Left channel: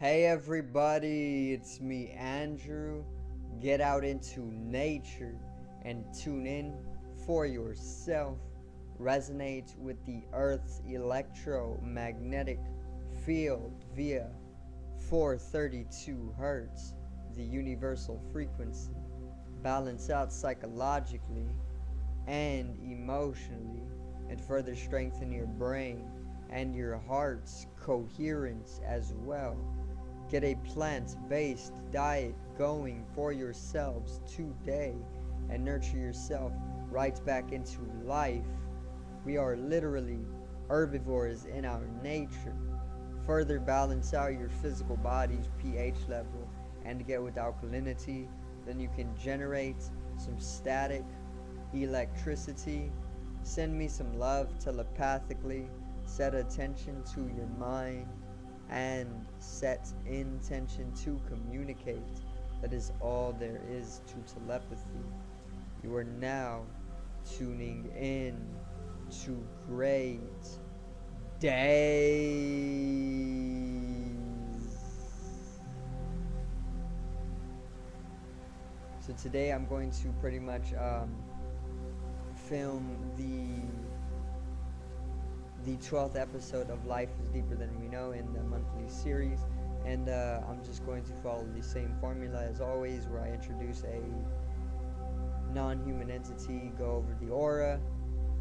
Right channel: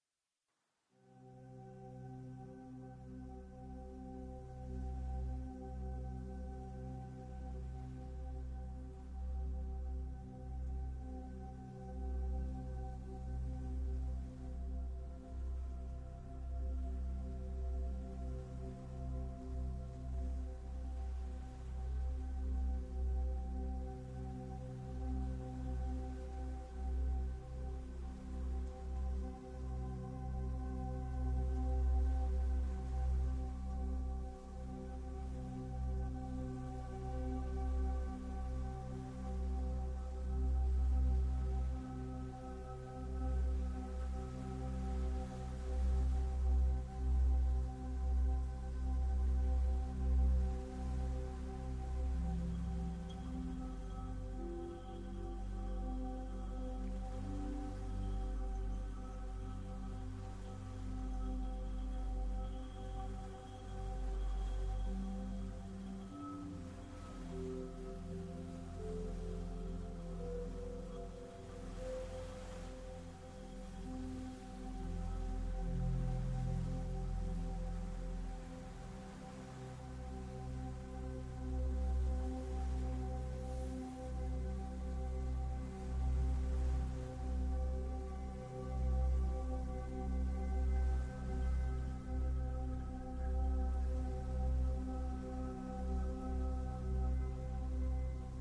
Hey everybody, it's me Andrew. Get out into nature and tune in for yourself. Resonate with the Earth's electromagnetic field via 432 Hertz, the universal frequency. Balance out psychologically and emotionally, and further strengthen your brain and your heart's coherence as well. Get a plant-based diet going for yourselves today and nurture yourself right back into life. We are literally herbivores in our nature. Further balance out your physical body's pH level and get with alkalinity, then you can generate some static electricity. Send me some love telepathically. Set attention to your mind and set intention to communicate. That is all there is to telepathy. You are now tuning in to great days. So today I'm going to pretty much film the 12th episode of Life is Deeper Than We Know in the monthly series, and I'm just going to follow the same formula as always, where I introduce a non-human entity, go over the aura,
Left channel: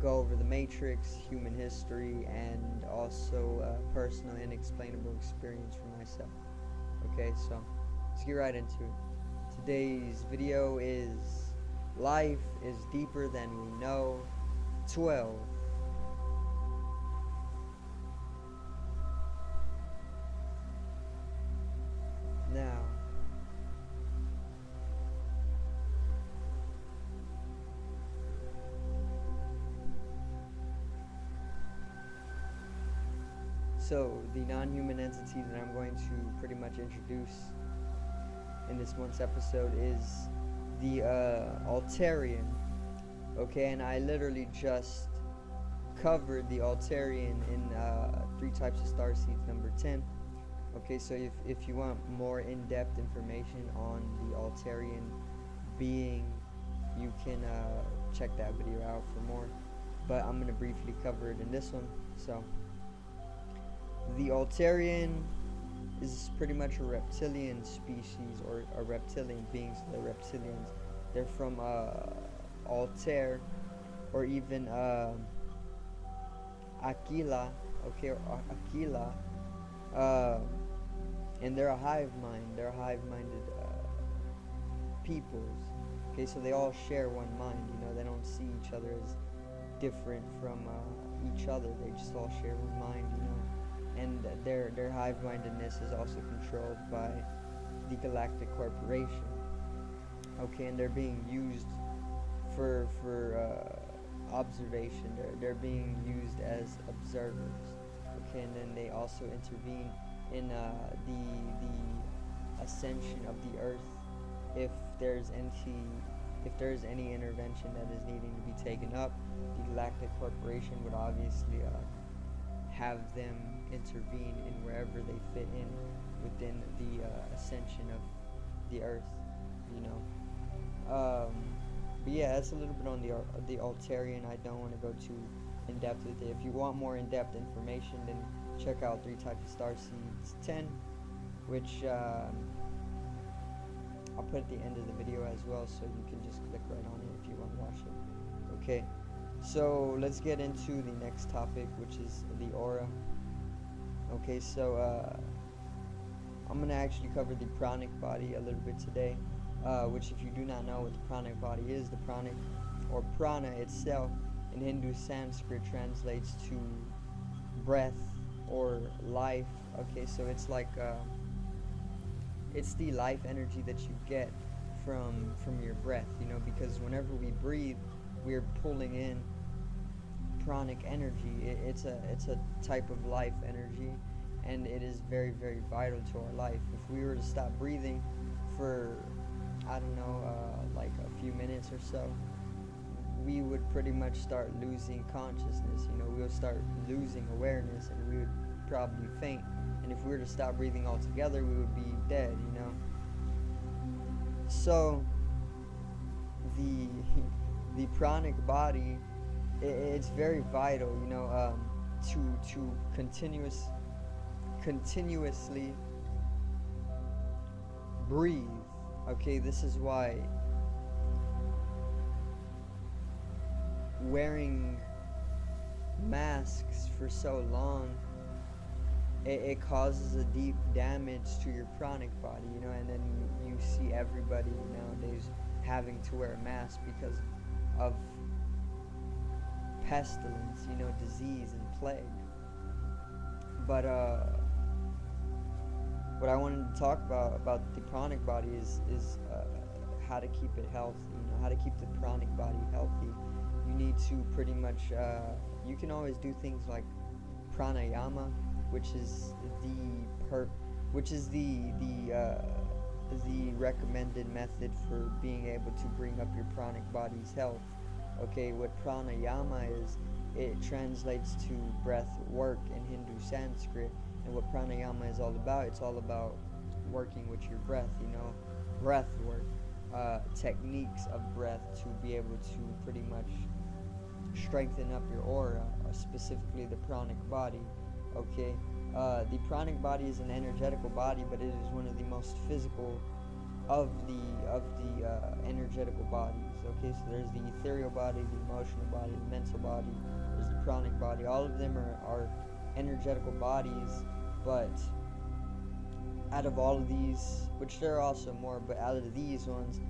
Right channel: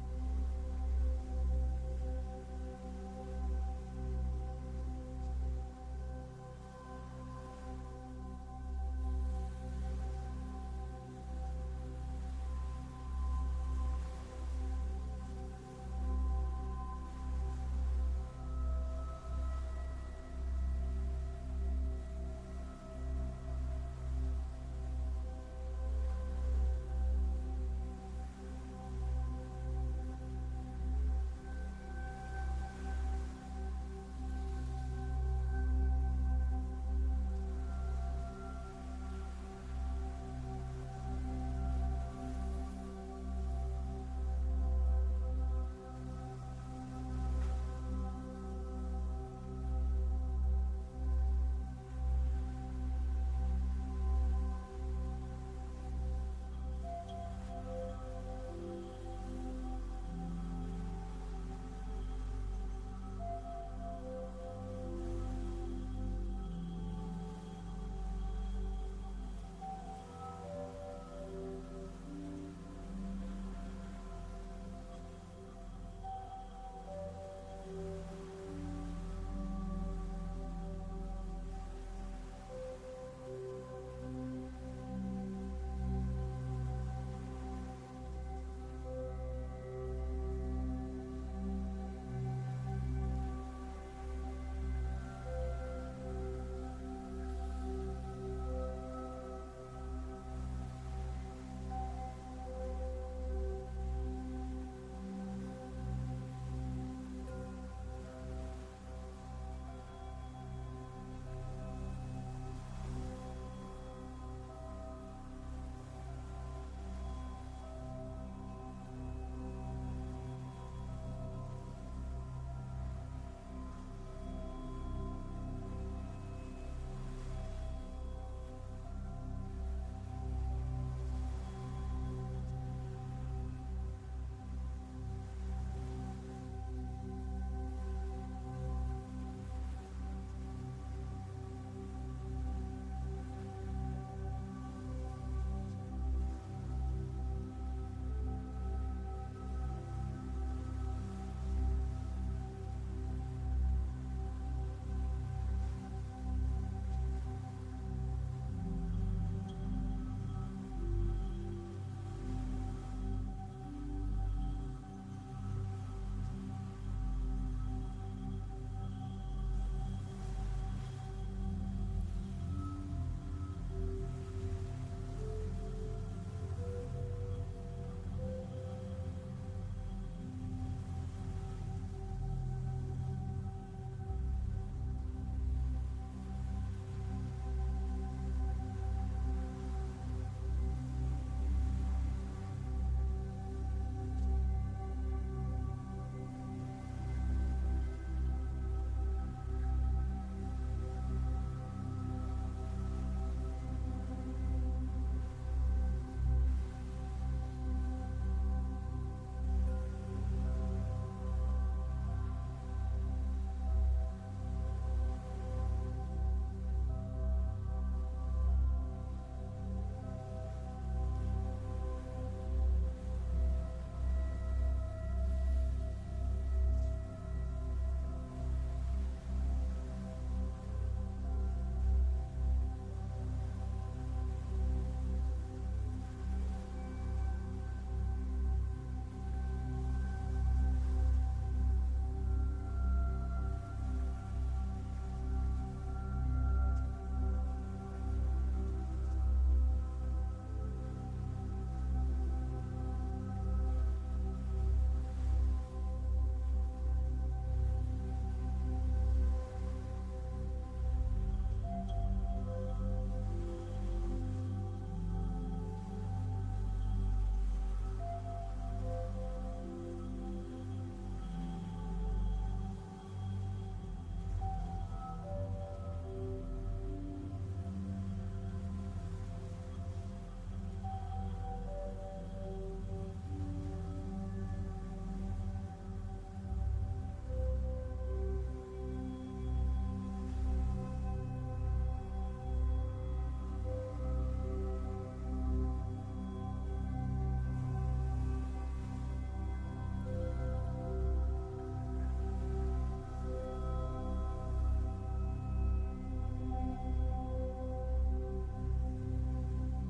go over the matrix, human history, and also personal inexplainable experience for myself. Okay, so let's get right into it. Today's video is Life is Deeper Than We Know 12. So, the non-human entity that I'm going to pretty much introduce in this month's episode is the Altarian. Okay, and I literally just covered the Altarian in 3 types of starseeds number 10. Okay, so if you want more in-depth information on the Altarian being, you can check that video out for more. But I'm going to briefly cover it in this one. So, the Altarian is pretty much a reptilian species, or a reptilian being. So they're reptilians. They're from Altair, or even Aquila, okay, or Aquila, and they're a hive mind. They're hive-minded peoples. Okay, so they all share one mind. You know, they don't see each other as different from each other. They just all share one mind. You know, and their hive-mindedness is also controlled by the Galactic Corporation. Okay, and they're being used for observation. They're being used as observers. Okay, and then they also intervene in the ascension of the Earth if there's any intervention that is needing to be taken up. The Galactic Corporation would obviously have them intervene in wherever they fit in within the ascension of the Earth, you know. But yeah, that's a little bit on the Altarian. I don't want to go too in depth with it. If you want more in-depth information, then check out 3 types of starseeds 10, which I'll put at the end of the video as well, so you can just click right on it if you want to watch it. Okay, so let's get into the next topic, which is the aura. Okay, so I'm going to actually cover the pranic body a little bit today, which, if you do not know what the pranic body is, the pranic, or prana itself, in Hindu Sanskrit translates to breath or life. Okay, so it's like it's the life energy that you get from your breath, you know, because whenever we breathe, we're pulling in pranic energy. It's a type of life energy, and it is very, very vital to our life. If we were to stop breathing for, I don't know, like a few minutes or so, we would pretty much start losing consciousness. You know, we'll start losing awareness, and we would probably faint. And if we were to to stop breathing altogether, we would be dead, you know. So the pranic body, it's very vital, you know, to continuously breathe. Okay, this is why wearing masks for so long, it causes a deep damage to your pranic body, you know, and then you see everybody nowadays having to wear a mask because of pestilence, you know, disease and plague. But what I wanted to talk about the pranic body is how to keep it healthy, you know, how to keep the pranic body healthy. You need to pretty much, you can always do things like pranayama, which is the recommended method for being able to bring up your pranic body's health. Okay, what pranayama is, it translates to breath work in Hindu Sanskrit, and what pranayama is all about, it's all about working with your breath, you know, breath work, techniques of breath to be able to pretty much strengthen up your aura, specifically the pranic body. Okay, the pranic body is an energetical body, but it is one of the most physical of the energetical bodies. Okay, so there's the ethereal body, the emotional body, the mental body, there's the pranic body. All of them are energetical bodies, but out of all of these, which there are also more, but out of these ones,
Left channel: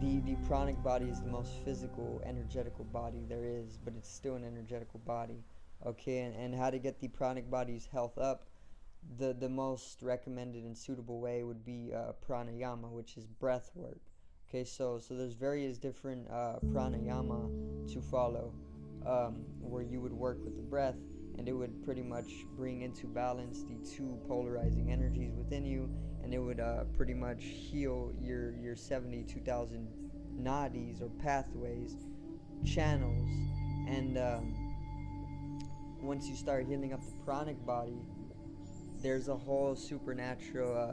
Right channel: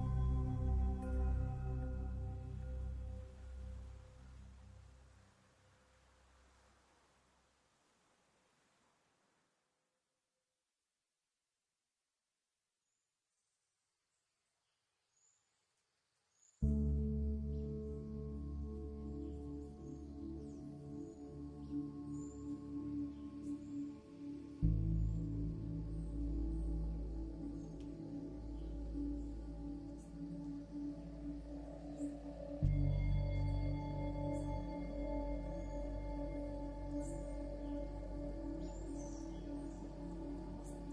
the pranic body is the most physical, energetical body there is, but it's still an energetical body. Okay, and how to get the pranic body's health up, the most recommended and suitable way would be pranayama, which is breath work. Okay, so there's various different pranayama to follow, where you would work with the breath, and it would pretty much bring into balance the two polarizing energies within you, and it would pretty much heal your 72,000 nadis or pathways, channels, and once you start healing up the pranic body, there's a whole supernatural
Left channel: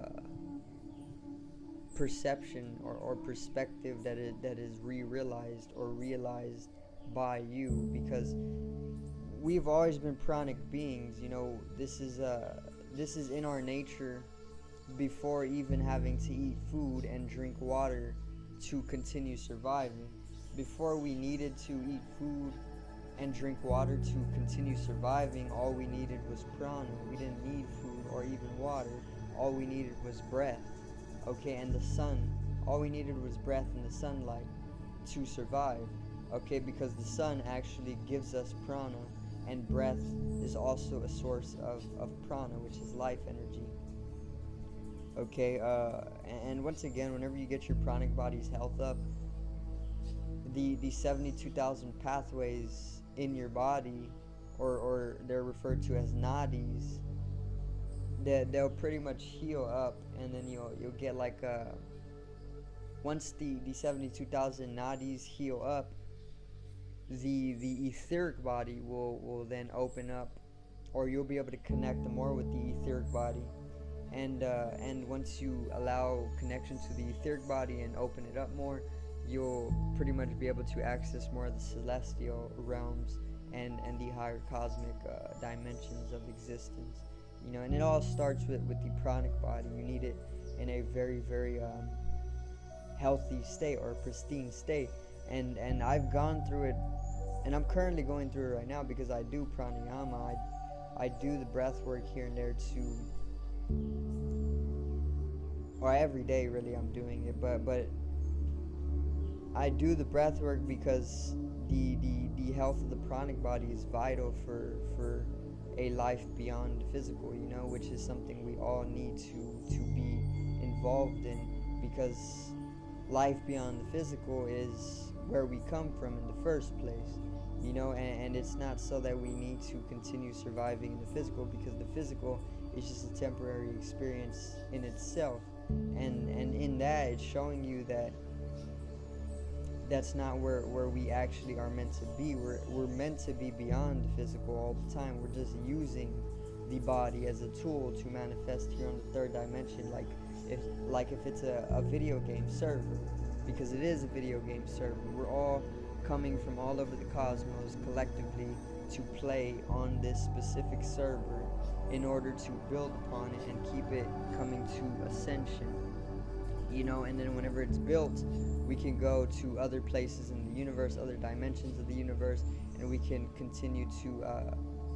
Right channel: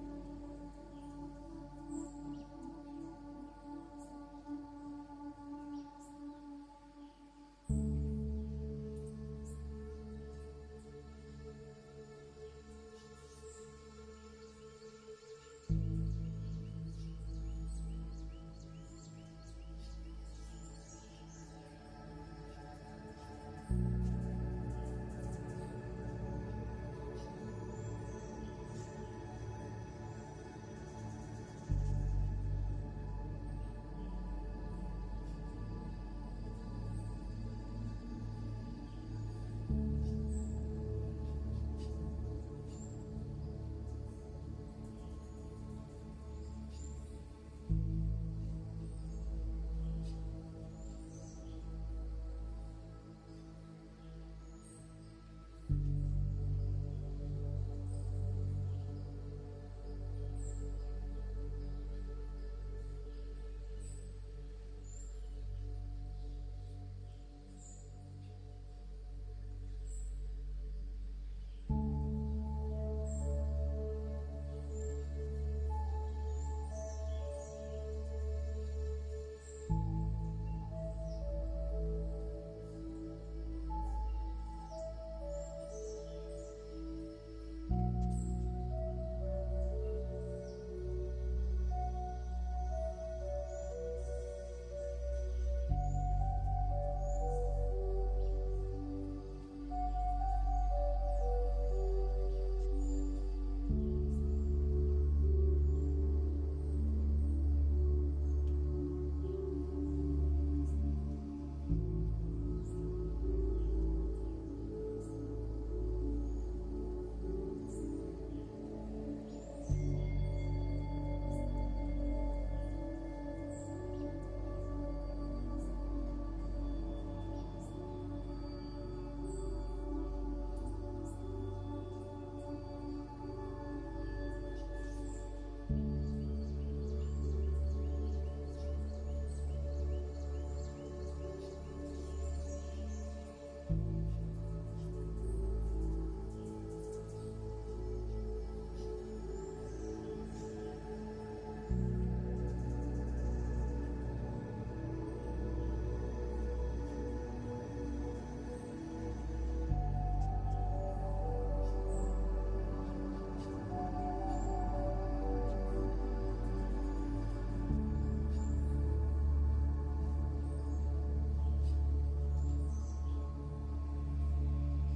perception or perspective that is realized or realized by you, because we've always been pranic beings, you know. This is in our nature before even having to eat food and drink water to continue surviving. Before we needed to eat food and drink water to continue surviving, all we needed was prana. We didn't need food or even water. All we needed was breath. Okay, and the sun. All we needed was breath and the sunlight to survive. Okay, because the sun actually gives us prana, and breath is also a source of prana, which is life energy. Okay, and once again, whenever you get your pranic body's health up, the 72,000 pathways in your body, or they're referred to as nadis, they'll pretty much heal up, and then you'll get like once the 72,000 nadis heal up, the etheric body will then open up, or you'll be able to connect more with the etheric body, and once you allow connection to the etheric body and open it up more, you'll pretty much be able to access more of the celestial realms and the higher cosmic dimensions of existence, you know. And it all starts with the pranic body. You need it in a very, very healthy state, or pristine state, and I've gone through it, and I'm currently going through it right now, because I do pranayama. I do the breath work here and there or every day really I'm doing it, but I do the breath work because the health of the pranic body is vital for a life beyond physical, you know, which is something we all need to be involved in, because life beyond the physical is where we come from in the first place, you know, and it's not so that we need to continue surviving in the physical, because the physical is just a temporary experience in itself, and in that it's showing you that that's not where we actually are meant to be. We're meant to be beyond physical all the time. We're just using the body as a tool to manifest here on the third dimension, like if it's a video game server, because it is a video game server. We're all coming from all over the cosmos collectively to play on this specific server in order to build upon it and keep it coming to ascension, and then whenever it's built, we can go to other places in the universe, other dimensions of the universe, and we can continue to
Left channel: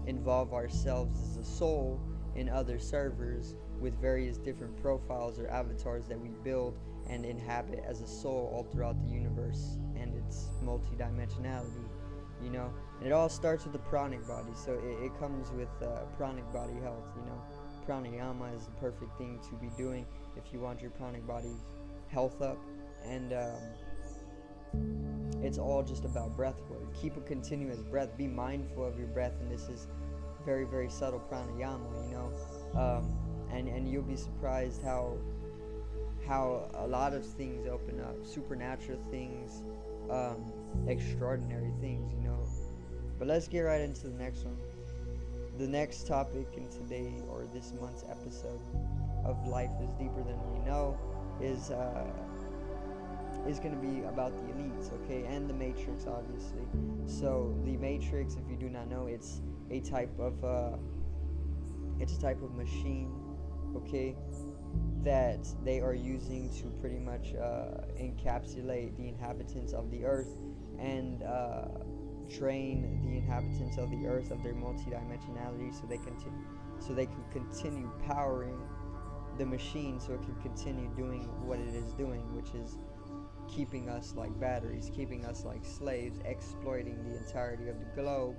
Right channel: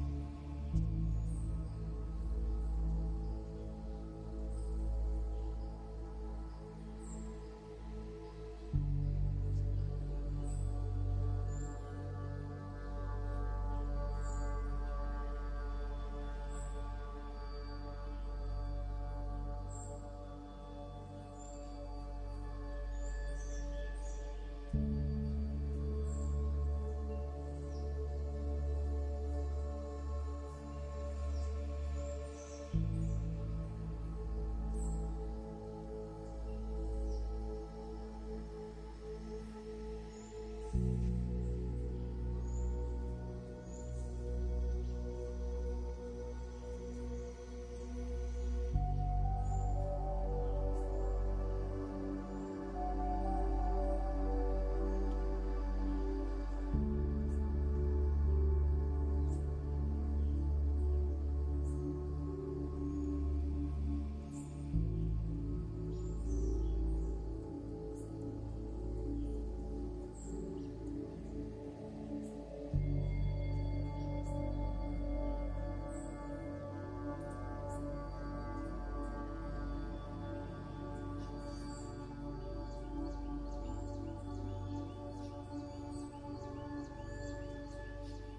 involve ourselves as a soul in other servers with various different profiles or avatars that we build and inhabit as a soul all throughout the universe and its multi-dimensionality, and it all starts with the pranic body, so it comes with pranic body health. Pranayama is the perfect thing to be doing if you want your pranic body's health up, and it's all just about breath work. Keep a continuous breath, be mindful of your breath, and this is very, very subtle pranayama, and you'll be surprised how a lot of things open up, supernatural things, extraordinary things, But let's get right into the next one. The next topic in today, or this month's episode of Life is Deeper Than We Know, is going to be about the elites, okay, and the Matrix, obviously. So the Matrix, if you do not know, it's a type of machine, okay, that they are using to pretty much encapsulate the inhabitants of the earth and drain the inhabitants of the earth of their multidimensionality, so they can continue powering the machine, so it can continue doing what it is doing, which is keeping us like batteries, keeping us like slaves, exploiting the entirety of the globe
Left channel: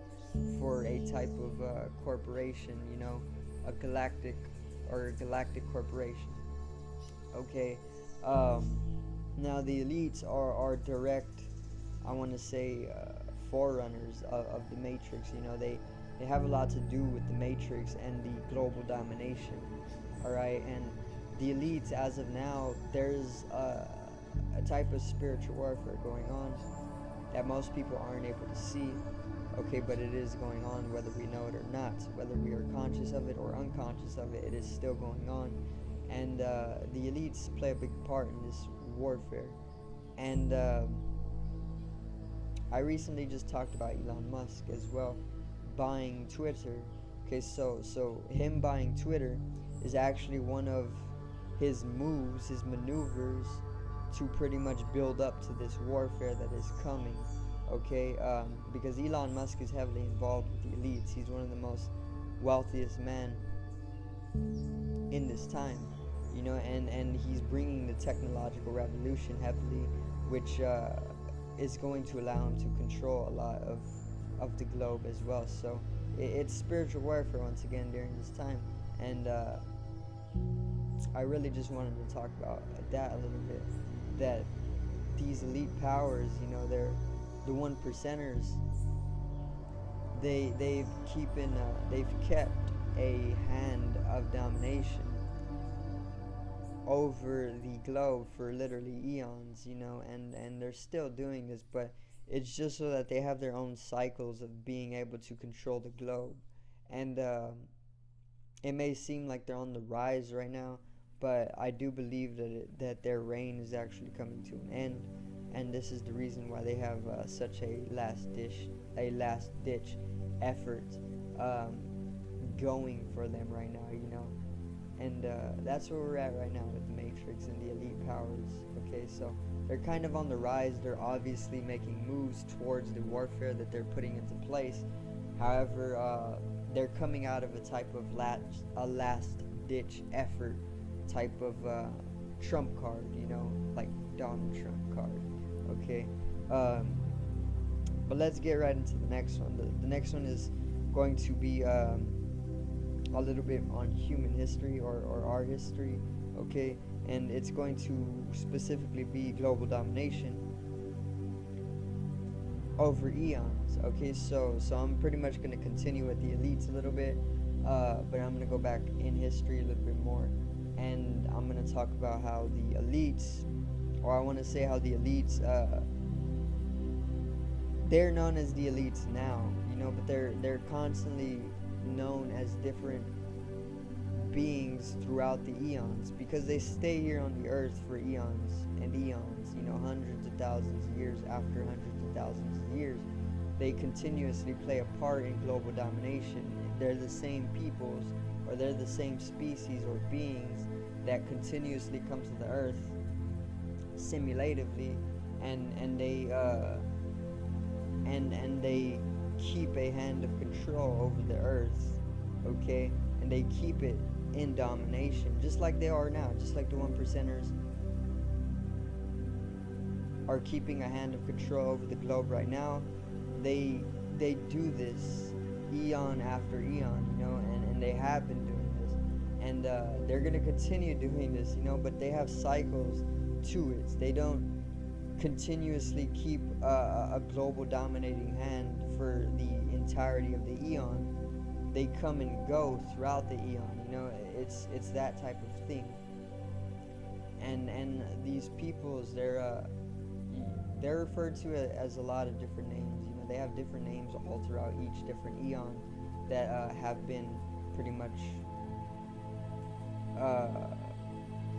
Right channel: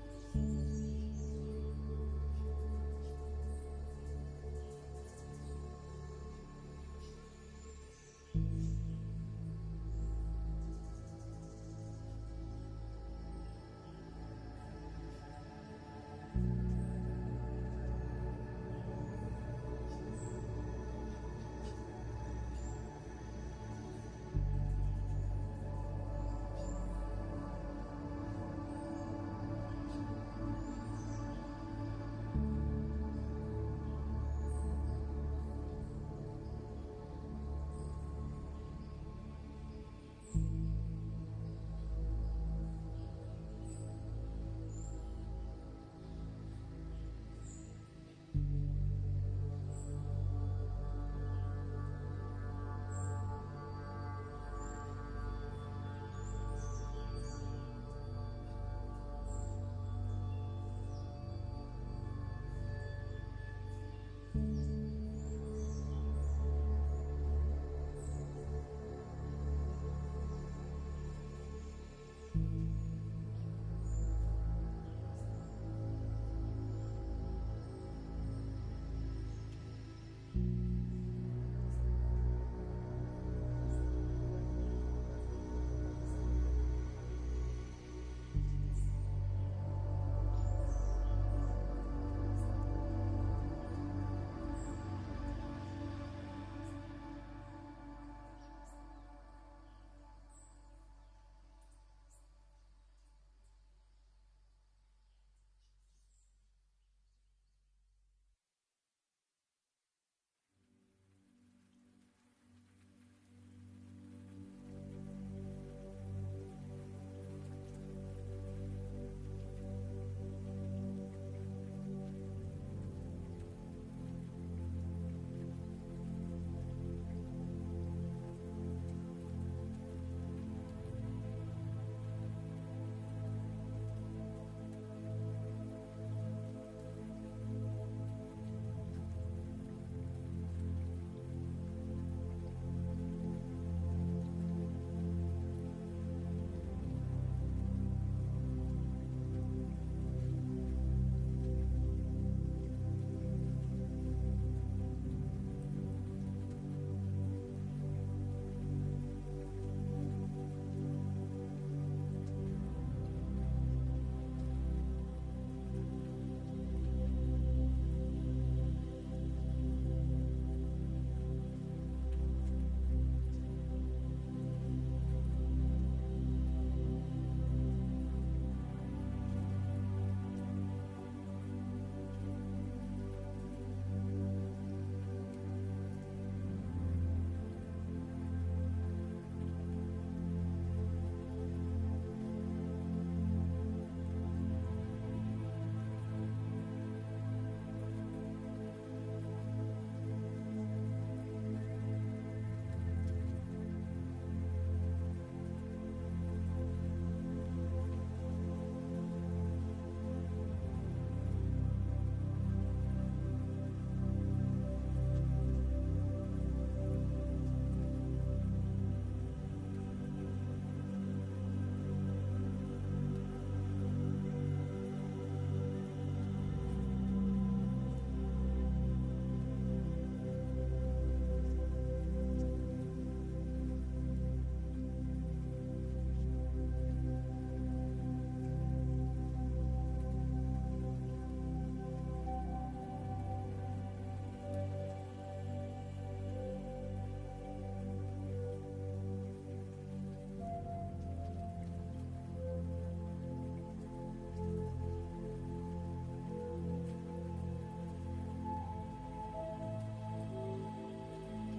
for a type of corporation, a galactic corporation. Okay, now the elites are direct, I want to say, forerunners of the Matrix. They have a lot to do with the Matrix and the global domination. Alright, and the elites, as of now, there's a type of spiritual warfare going on that most people aren't able to see. Okay, but it is going on whether we know it or not, whether we are conscious of it or unconscious of it, it is still going on. And the elites play a big part in this warfare. And I recently just talked about Elon Musk as well, buying Twitter. Okay, so him buying Twitter is actually one of his moves, his maneuvers, to pretty much build up to this warfare that is coming. Okay, because Elon Musk is heavily involved with the elites. He's one of the most wealthiest men in this time, and he's bringing the technological revolution heavily, which is going to allow him to control a lot of the globe as well. So it's spiritual warfare once again during this time, and I really just wanted to talk about that a little bit, that these elite powers, they're the 1%ers. They've kept a hand of domination over the globe for literally eons, and they're still doing this, but it's just so that they have their own cycles of being able to control the globe. And it may seem like they're on the rise right now, but I do believe that their reign is actually coming to an end, and this is the reason why they have such a last ditch effort going for them right now, and that's where we're at right now with the Matrix and the elite powers. Okay, so they're kind of on the rise. They're obviously making moves towards the warfare that they're putting into place. However, they're coming out of a type of last ditch effort type of trump card, like Donald Trump card. Okay, but let's get right into the next one. The next one is going to be a little bit on human history or our history. Okay, and it's going to specifically be global domination over eons. Okay, so I'm pretty much going to continue with the elites a little bit, but I'm going to go back in history a little bit more, and I'm going to talk about how the elites, or I want to say how the elites, they're known as the elites now, but they're constantly known as different beings throughout the eons, because they stay here on the earth for eons and eons, hundreds of thousands of years after hundreds of thousands of years. They continuously play a part in global domination. They're the same peoples, or they're the same species or beings that continuously come to the earth simulatively, and they keep a hand of control over the earth, okay? And they keep it in domination, just like they are now, just like the 1%ers are keeping a hand of control over the globe right now. They do this eon after eon, and they have been doing this, and they're gonna continue doing this, but they have cycles to it. They don't continuously keep a global dominating hand for the entirety of the eon. They come and go throughout the eon. It's that type of thing. And these peoples, they're referred to as a lot of different names. They have different names all throughout each different eon that have been pretty much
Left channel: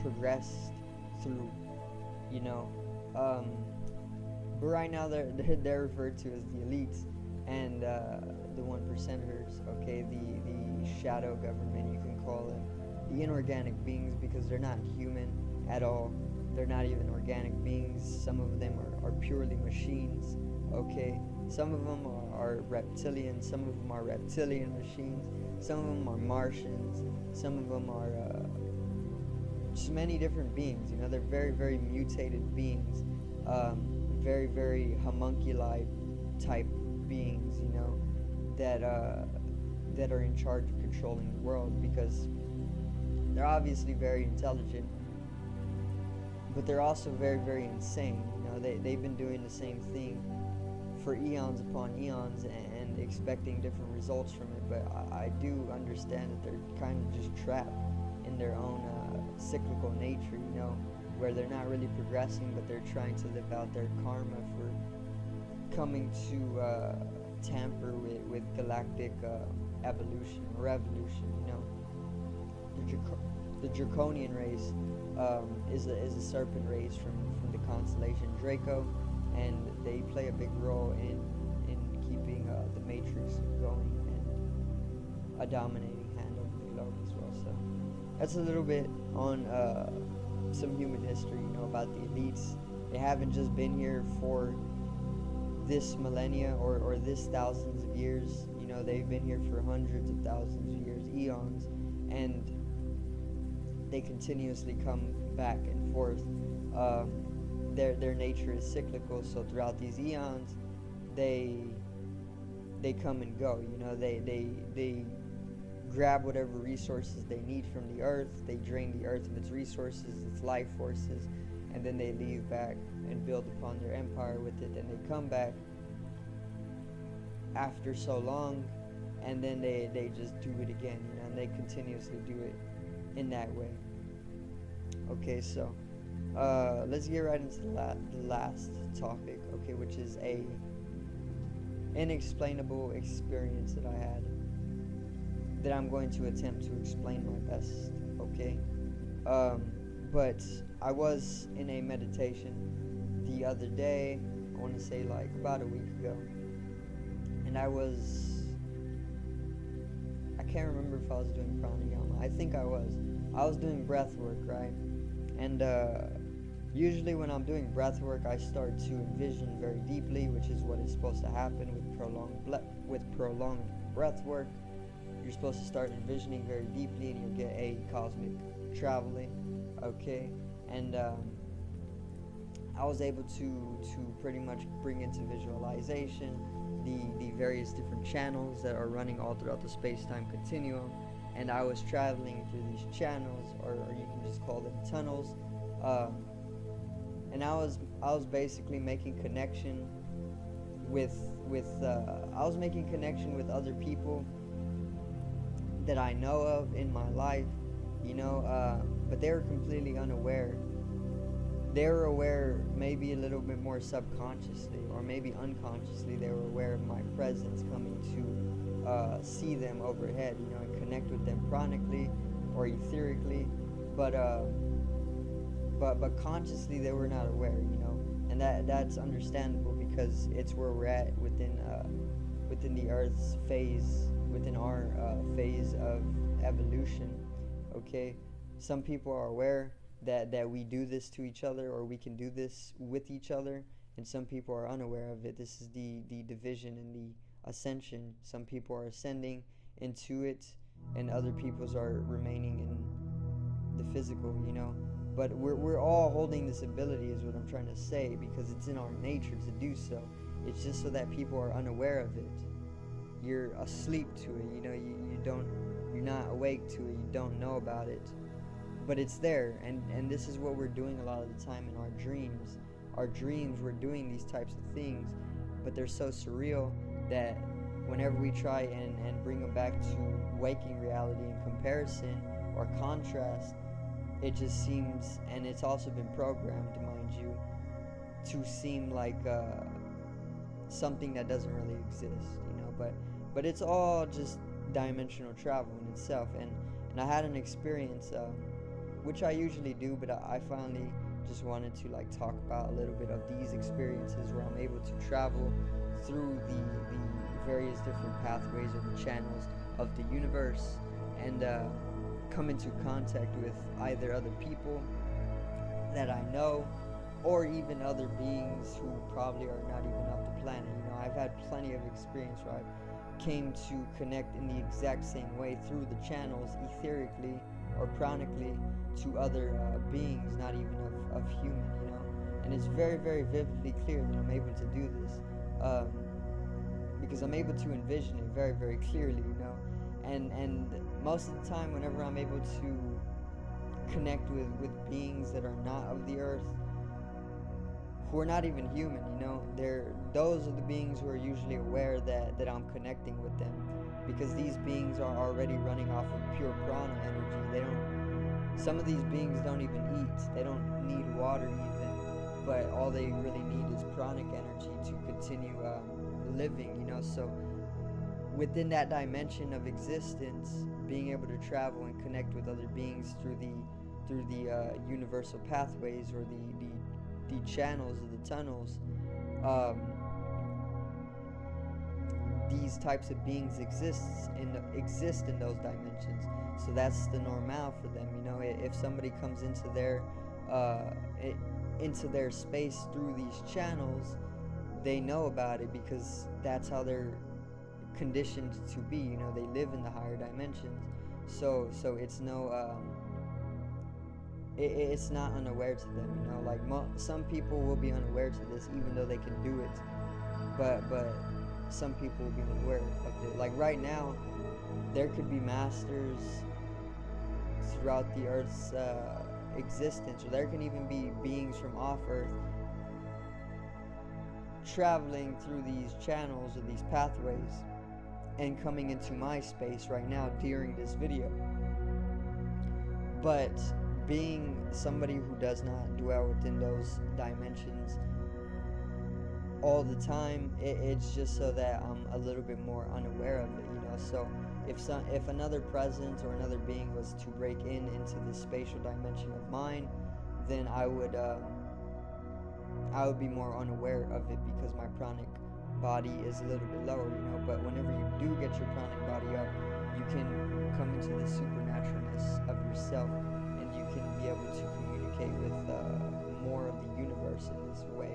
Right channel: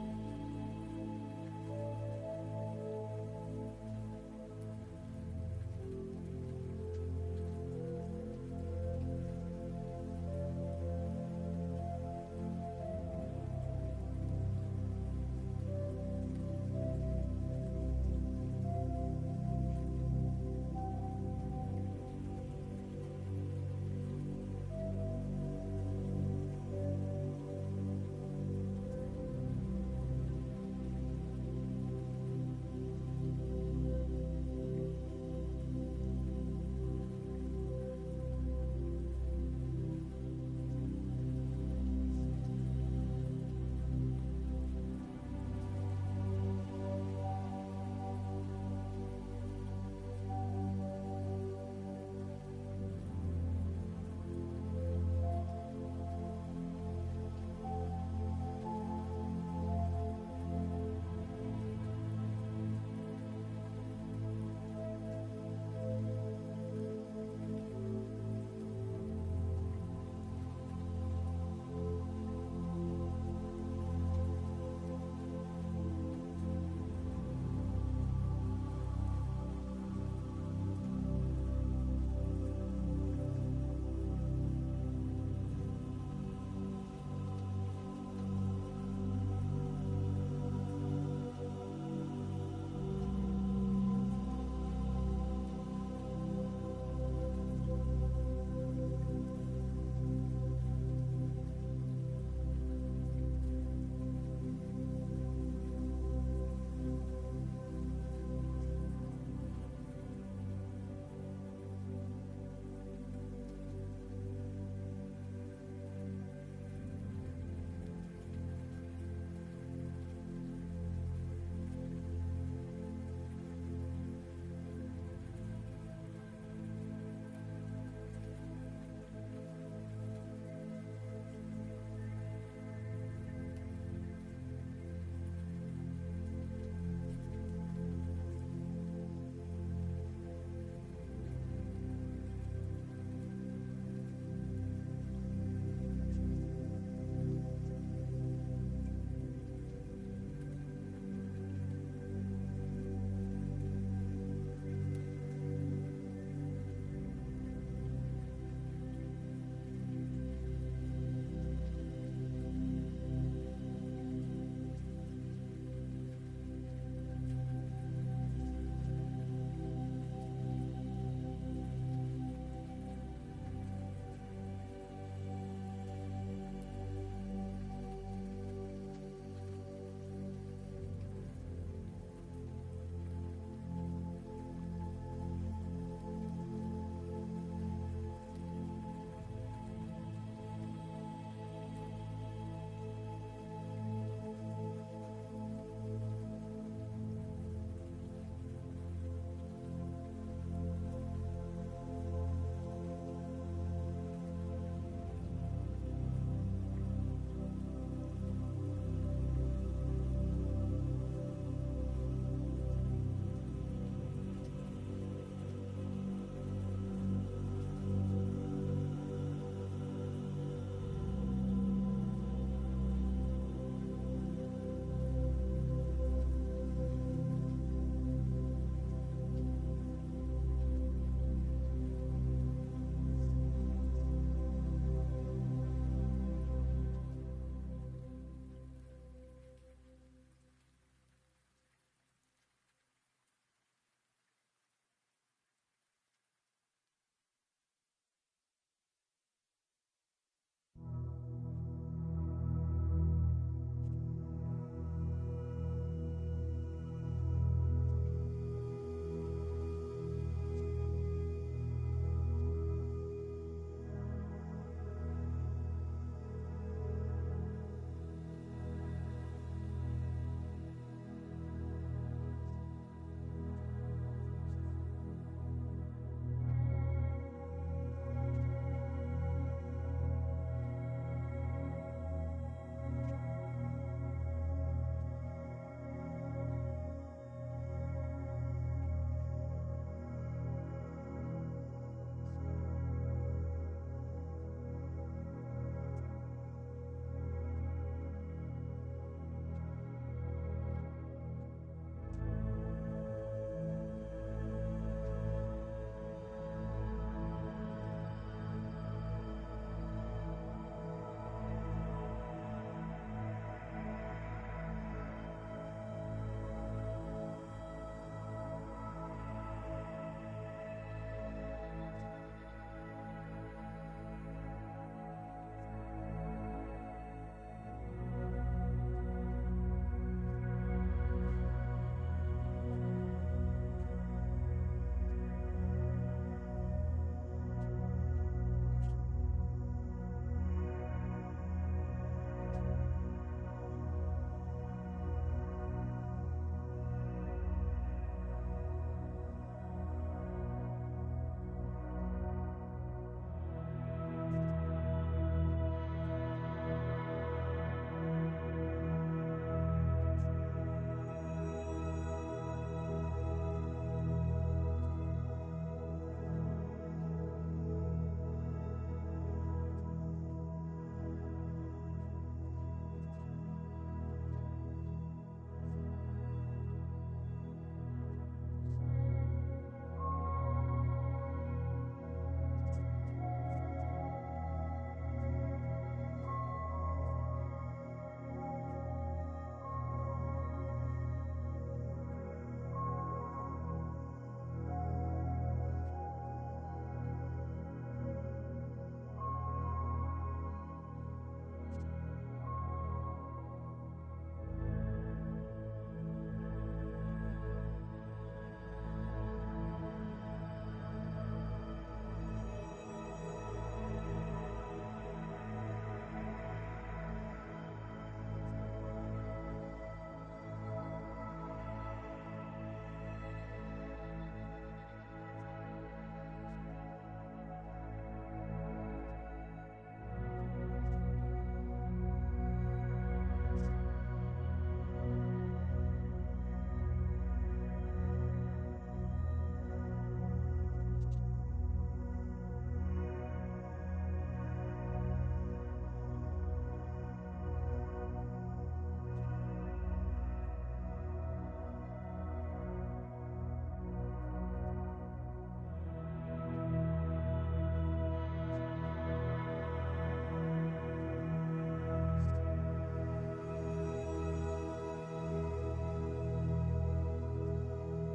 progressed through. But right now they're referred to as the elites and the 1%ers. Okay, the shadow government, you can call them, the inorganic beings, because they're not human at all. They're not even organic beings. Some of them are purely machines. Okay, some of them are reptilian. Some of them are reptilian machines. Some of them are Martians. Some of them are just many different beings. They're very, very mutated beings. Very, very homunculi type beings. That are in charge of controlling the world, because they're obviously very intelligent, but they're also very, very insane. They've been doing the same thing for eons upon eons and expecting different results from it. But I do understand that they're kind of just trapped in their own cyclical nature, where they're not really progressing, but they're trying to live out their karma for coming to tamper with galactic evolution or revolution. The draconian race is a serpent race from the constellation Draco, and they play a big role in keeping the Matrix going and a dominating hand over the globe as well. So that's a little bit on some human history, about the elites. They haven't just been here for this millennia or this thousands of years. They've been here for hundreds of thousands of years, eons, and they continuously come back and forth. Their nature is cyclical, so throughout these eons, they come and go. They grab whatever resources they need from the earth. They drain the earth of its resources, its life forces, and then they leave back and build upon their empire with it. And they come back after so long, and then they just do it again. They continuously do it in that way. Okay, so let's get right into the last topic, okay, which is a inexplainable experience that I had, that I'm going to attempt to explain my best, okay? But I was in a meditation the other day, I want to say like about a week ago, and I can't remember if I was doing pranayama. I think I was doing breath work, right? And usually when I'm doing breath work, I start to envision very deeply, which is what is supposed to happen with prolonged breath work. You're supposed to start envisioning very deeply, and you get a cosmic traveling, okay? And I was able to pretty much bring into visualization the various different channels that are running all throughout the space-time continuum, and I was traveling through these channels, or you can just call them tunnels, and I was basically making connection with other people that I know of in my life, but they were completely unaware. They were aware maybe a little bit more subconsciously, or maybe unconsciously. They were aware of my presence, coming to see them overhead, and connect with them chronically, or etherically, but consciously they were not aware, and that's understandable because it's where we're at within the Earth's phase, within our phase of evolution. Okay, some people are aware that we do this to each other, or we can do this with each other, and some people are unaware of it. This is the division and the ascension. Some people are ascending into it, and other peoples are remaining in the physical, But we're all holding this ability, is what I'm trying to say, because it's in our nature to do so. It's just so that people are unaware of it. You're asleep to it, you're not awake to it, you don't know about it. But it's there, and this is what we're doing a lot of the time in our dreams. Our dreams, we're doing these types of things, but they're so surreal that whenever we try and bring them back to waking reality in comparison or contrast, it just seems, and it's also been programmed, mind you, to seem like something that doesn't really exist, but it's all just dimensional travel in itself. And I had an experience, which I usually do, but I finally just wanted to talk about a little bit of these experiences where I'm able to travel through the various different pathways or the channels of the universe, and come into contact with either other people that I know, or even other beings who probably are not even off the planet. I've had plenty of experience where I came to connect in the exact same way through the channels, etherically or pranically, to other beings, not even of human, and it's very, very vividly clear that I'm able to do this, because I'm able to envision it very, very clearly, and most of the time whenever I'm able to connect with beings that are not of the earth, who are not even human, those are the beings who are usually aware that I'm connecting with them, because these beings are already running off of pure prana energy. Some of these beings don't even eat, they don't need water even, but all they really need is pranic energy to continue living, so within that dimension of existence, being able to travel and connect with other beings through the universal pathways, or the channels or the tunnels, these types of beings exist in those dimensions. So that's the normal for them. If somebody comes into their space through these channels, they know about it because that's how they're conditioned to be. They live in the higher dimensions. So it's it's not unaware to them. Some people will be unaware to this, even though they can do it. But some people will be unaware of it. Like right now, there could be masters throughout the Earth's existence, or there can even be beings from off Earth traveling through these channels or these pathways and coming into my space right now during this video. But being somebody who does not dwell within those dimensions all the time, it's just so that I'm a little bit more unaware of it, So if another presence or another being was to break into the spatial dimension of mine, then I would be more unaware of it, because my pranic body is a little bit lower, But whenever you do get your pranic body up, you can come into the supernaturalness of yourself, and you can be able to communicate with more of the universe in this way,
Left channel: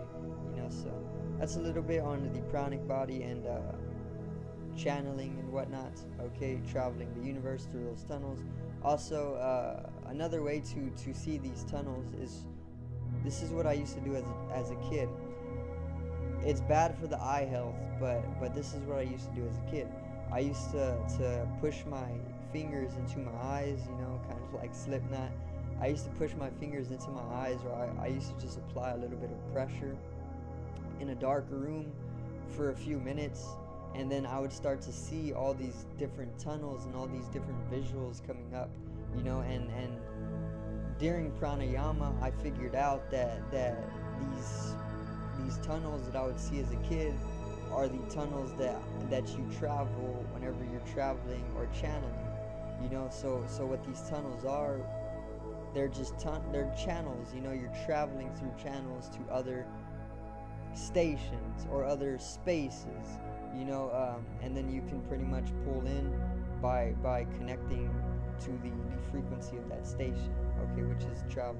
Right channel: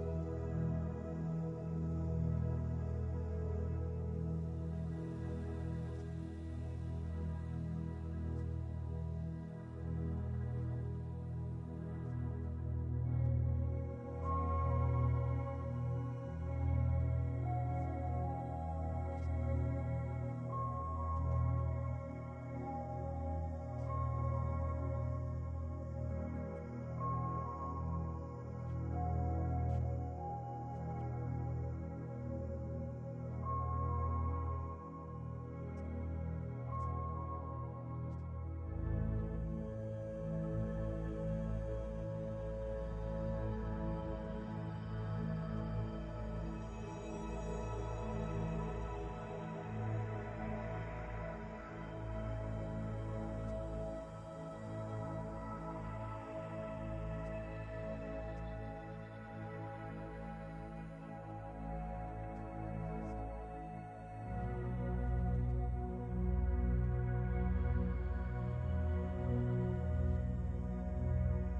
So that's a little bit on the pranic body and channeling and whatnot. Okay, traveling the universe through those tunnels. Also, another way to see these tunnels is, this is what I used to do as a kid. It's bad for the eye health, but this is what I used to do as a kid. I used to push my fingers into my eyes, kind of like Slipknot. I used to push my fingers into my eyes, or I used to just apply a little bit of pressure in a dark room for a few minutes, and then I would start to see all these different tunnels and all these different visuals coming up, and during Pranayama, I figured out that these tunnels that I would see as a kid are the tunnels that you travel whenever you're traveling or channeling. So what these tunnels are, they're just they're channels. You're traveling through channels to other stations or other spaces. And then you can pretty much pull in by connecting to the frequency of that station, okay, which is traveling.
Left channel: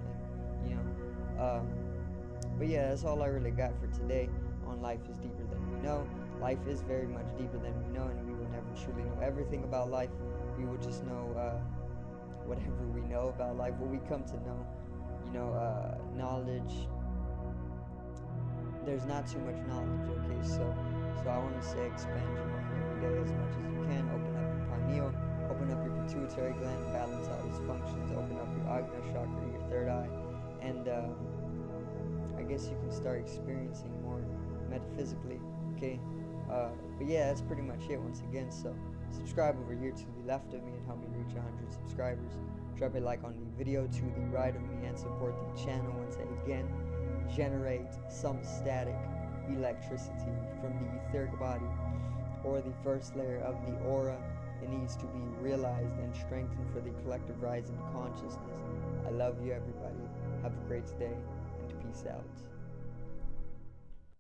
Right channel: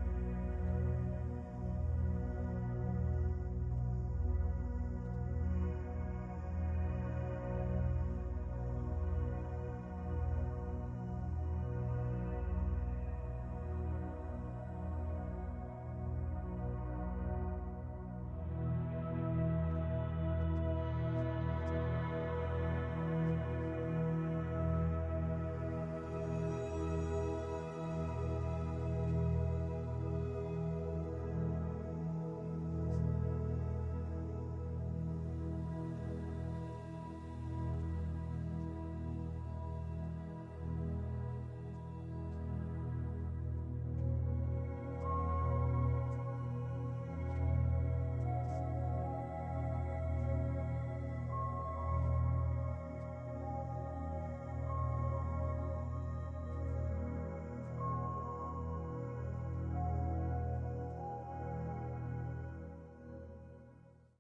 But yeah, that's all I really got for today on Life is Deeper Than We Know. Life is very much deeper than we know, and we will never truly know everything about life. We will just know whatever we know about life, what we come to know. Knowledge, there's not too much knowledge, okay? So I want to say expand your mind every day as much as you can. Open up your pineal, open up your pituitary gland, balance all these functions, open up your Agna chakra, your third eye, and I guess you can start experiencing more metaphysically, okay? But yeah, that's pretty much it once again. So subscribe over here to the left of me and help me reach 100 subscribers. Drop a like on the video to the right of me and support the channel once again. Generate some static electricity from the etheric body or the first layer of the aura. It needs to be realized and strengthened for the collective rising consciousness. I love you, everybody. Have a great day, and peace out.